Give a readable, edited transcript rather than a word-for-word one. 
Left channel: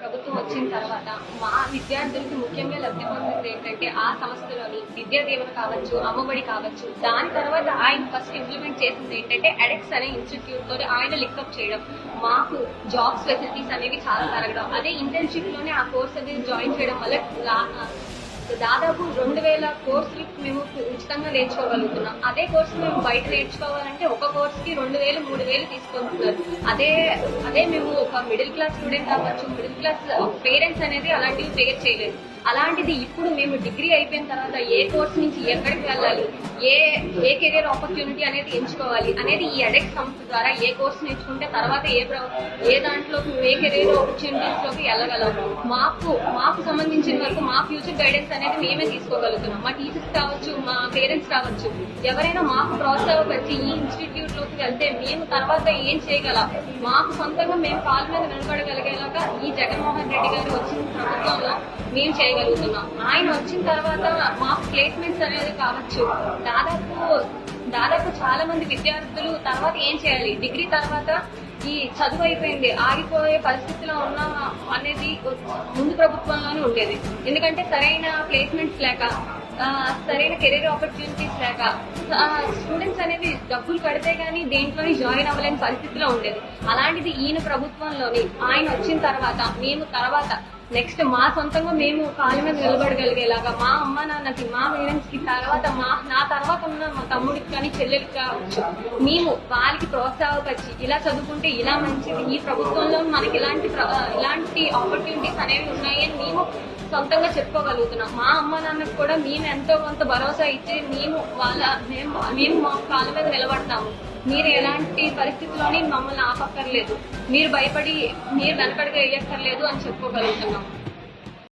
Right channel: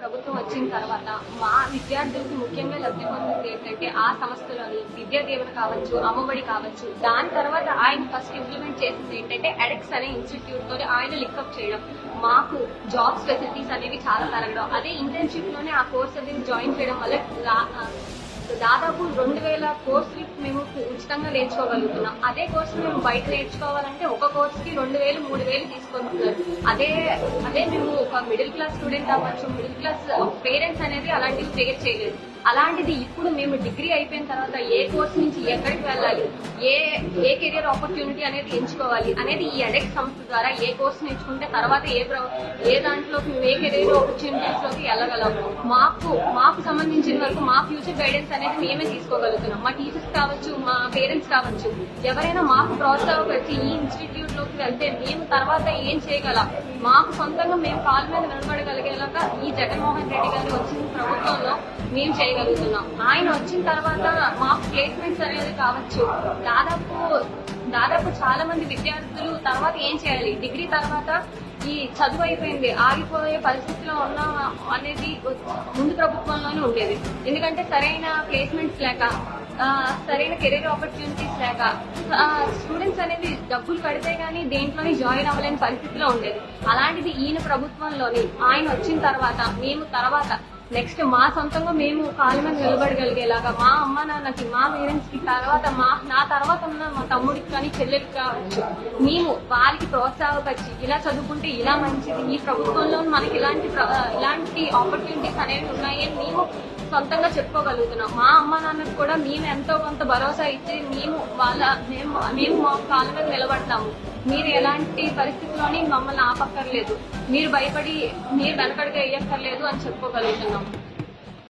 ప్రభుత్వం వచ్చిన తర్వాత మా విద్యార్థులకు ముఖ్యంగా లబ్ధి పొందింది ఏంటంటే ఆ సంస్థలోని విద్యా దీవెన కావచ్చు, అమ్మఒడి కావచ్చు. దాని తర్వాత ఆయన ఫస్ట్ ఇంప్లిమెంట్ చేసింది ఏంటంటే ఎడెక్స్ అనే ఇన్స్టిట్యూట్ తోటి ఆయన లింకప్ చేయడం. మాకు జాబ్స్ ఫెసిలిటీస్ అనేవి చాలా పెరగడం, అదే ఇంటర్న్షిప్ లోనే ఆ కోర్స్ అనేది జాయిన్ చేయడం వల్ల దాదాపు 2000 కోర్సులు మేము ఉచితంగా నేర్చుకోగలుగుతున్నాం. అదే కోర్సు మేము బయట నేర్చుకోవాలంటే ఒక కోర్సుకి 2000, 3000 తీసుకుంటున్నారు. అదే మేము ఒక మిడిల్ క్లాస్ స్టూడెంట్ అవ్వచ్చు, మిడిల్ క్లాస్ పేరెంట్స్ అనేది అలాంటివి పే చేయలేదు. అలాంటిది ఇప్పుడు మేము డిగ్రీ అయిపోయిన తర్వాత ఏ కోర్స్ నుంచి ఎక్కడికి వెళ్ళాలి, ఏ కెరియర్ ఆపర్చునిటీ అనేది ఎంచుకోవాలి అనేది ఈ ఎడెక్స్ సంస్థ ద్వారా ఏ కోర్స్ నేర్చుకుంటే తర్వాత ఏ దాంట్లోకి ఏ కెరియర్ ఆపర్చునిటీస్ లోకి వెళ్ళగలం. మాకు సంబంధించిన వరకు మా ఫ్యూచర్ గైడెన్స్ అనేది మేమే తీసుకోగలుగుతున్నాం. మా టీచర్స్ కావచ్చు, మా పేరెంట్స్ కావచ్చు, ఎవరైనా మాకు ప్రోత్సాహపరిచి ఈ ఇన్స్టిట్యూట్ లోకి వెళ్తే మేము తర్వాత ఏం చేయగలం, మాకు సొంతంగా మేము కాళ్ళ మీద నిలబడగలిగేలాగా ఈ జగన్మోహన్ రెడ్డి గారు వచ్చిన ప్రభుత్వంలో మేము చేయగలుగుతున్నాం. ఆయన వచ్చిన తర్వాత మాకు ప్లేస్మెంట్స్ అనేది కావచ్చు. దాదాపు చాలా మంది విద్యార్థులు తర్వాత ఏం చేయాలి, డిగ్రీ తర్వాత ఈ చదువు అయిపోయింది ఆగిపోయే పరిస్థితిలో ఉన్నా అనేది ముందు ప్రభుత్వంలోనే ఉండేది. ఎందుకంటే సరైన ప్లేస్మెంట్స్ లేక, సరైన కెరీర్ ఆపర్చునిటీస్ లేక స్టూడెంట్స్ అనేది డబ్బులు కడితే గానీ దేంట్లోని జాయిన్ అవ్వలేని పరిస్థితిలో ఉండేది. అలాంటిది ఈయన ప్రభుత్వంలోని ఆయన వచ్చిన తర్వాత మేము తర్వాత నెక్స్ట్ మా సొంతంగా మేము కాళ్ళ మీద నిలబడగలిగేలాగా మా అమ్మ నాన్నకి, మా పేరెంట్స్ కి, తర్వాత నా తర్వాత ఉన్న మా తమ్ముడికి కానీ చెల్లెలికి కావచ్చు, మేము వారికి ప్రోత్సాహపరిచి ఇలా చదువుకుంటే ఇలా మంచిది, ఈ ప్రభుత్వంలో మనకి ఇలాంటి ఆపర్చునిటీస్ అనేవి ఉన్నాయని మేము సొంతంగా చెప్పుకోగలుగుతున్నాం. మా అమ్మ నాన్నకు కూడా మేము ఎంతో కొంత భరోసా ఇచ్చి మేము మా కాళ్ళ మీద నిలబడతాము. మీరు ఎలాంటి పరిస్థితిలోని మమ్మల్ని ఆపక్కర్లేదు, మీరు భయపడి మీరు వెనకడుగు వేయక్కర్లేదు అని చెప్పుకోగలుగుతున్నాం.